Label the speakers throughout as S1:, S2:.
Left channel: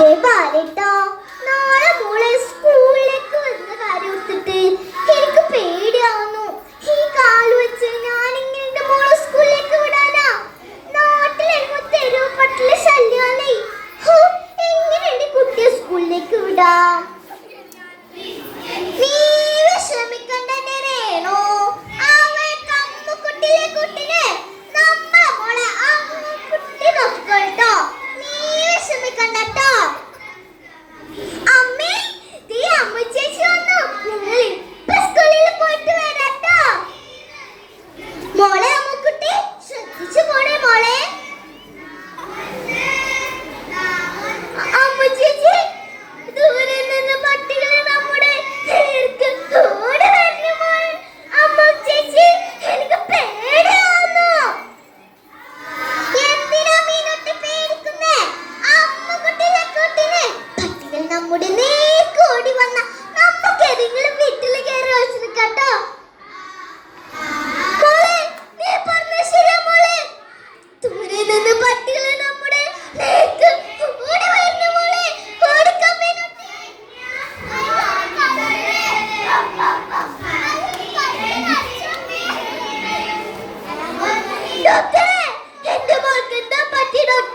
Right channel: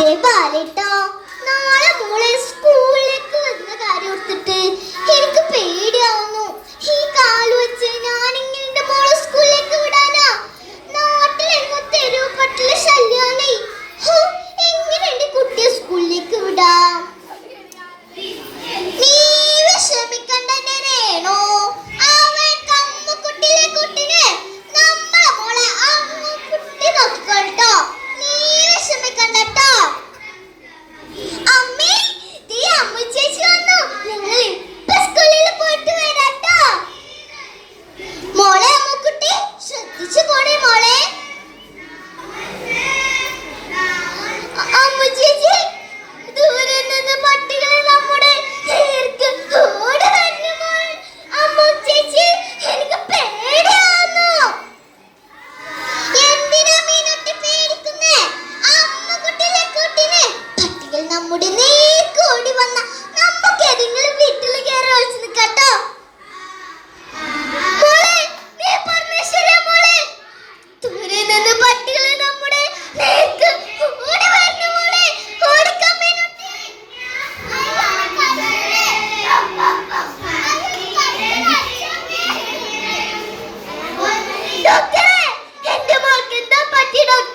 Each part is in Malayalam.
S1: বলতে পারে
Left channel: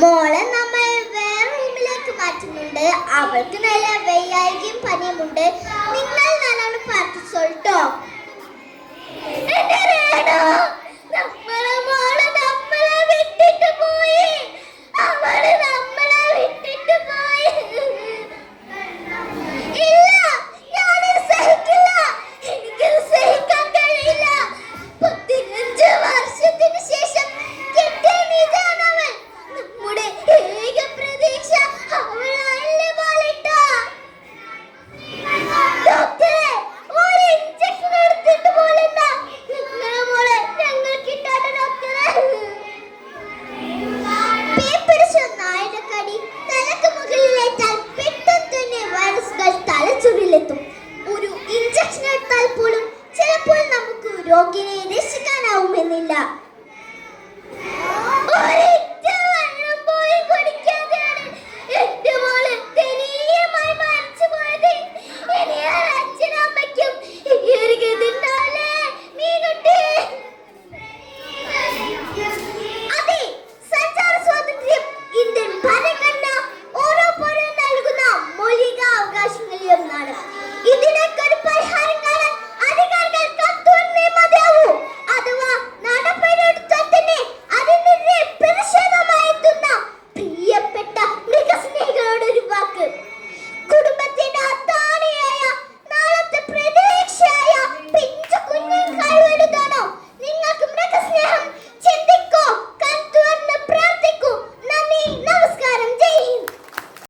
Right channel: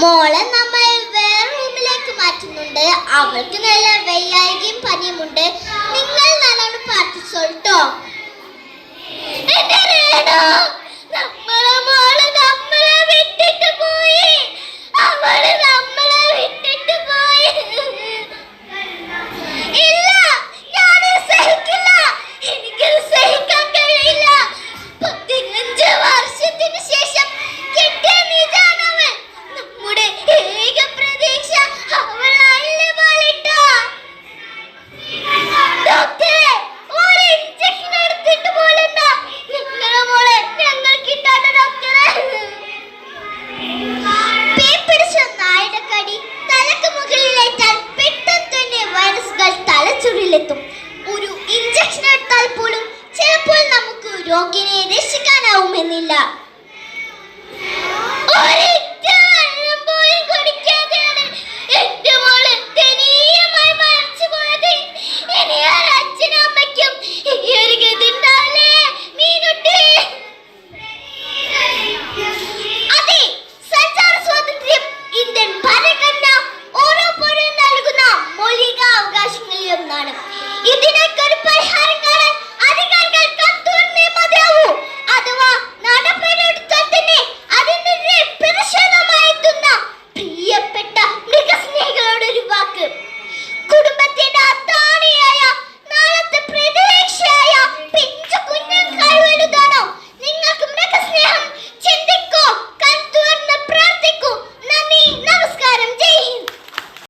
S1: മോളെ നമ്മൾ വേറെ റൂമിലേക്ക് മാറ്റുന്നുണ്ട്. അവൾക്ക് നല്ല വെയ്യായികയും പനിയുമുണ്ട്. നിങ്ങൾ നല്ലോണം പ്രാർത്ഥിച്ചോട്ടോ എന്റെ രോഗിനെ രക്ഷിക്കാനാവുമെന്നില്ല.